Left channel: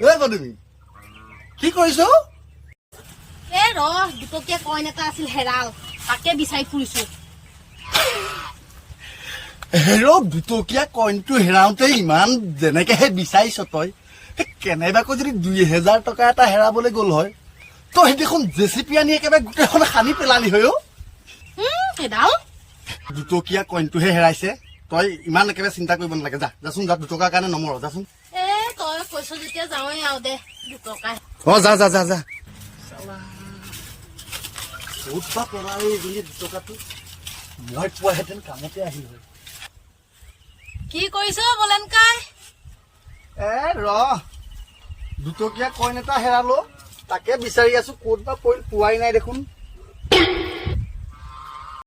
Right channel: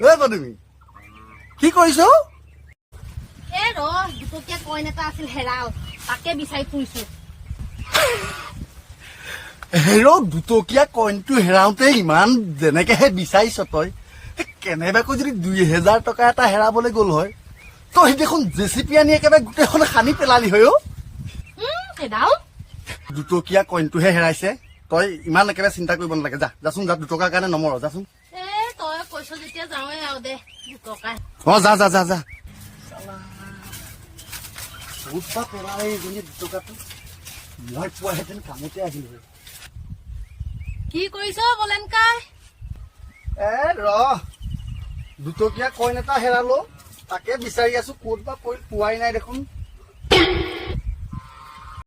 এ পদুমী কি কৰিছ? এ ৰ দুটকীয়া কইন এটা আছিল হেৰাল তাকে বিচাৰি ফুৰিছো। হেৰ দুটকীয়া কইনটো হেৰাওঁতে ইমান যেনেকেহে বিচাৰিছ তই কেনেবাকৈ যদি 2000 টকা এটা হেৰাবলৈ গ'ল হয় তই দেখোন জেচিপি আনি একেবাৰে গোটেইখন সানি পেলালি হয় অ। হেৰাল দুটকীয়া কইনটোহে হেৰাইছে তই ইমান একেবাৰে চিন্তা কৰিব নালাগে। যাচোন যা 2 টকাৰ কাৰণে নমৰ যাচোন। এ তই কৈছ যেতিয়া যাওঁৱে আৰু দে 2 টকা। অ যা যা যা যা বহুত বা পৰা এইজনী 2 টকাটো মই পোৱাহেঁতেন কামতে আহিল হয়। কি কৰিছ বলেন কাই? এ ৰ 2 টকীয়া কইন এটা হেৰালো তাকে বিচাৰি আছো ক'ত বা পৰিল পোৱাই নাই দেখোন।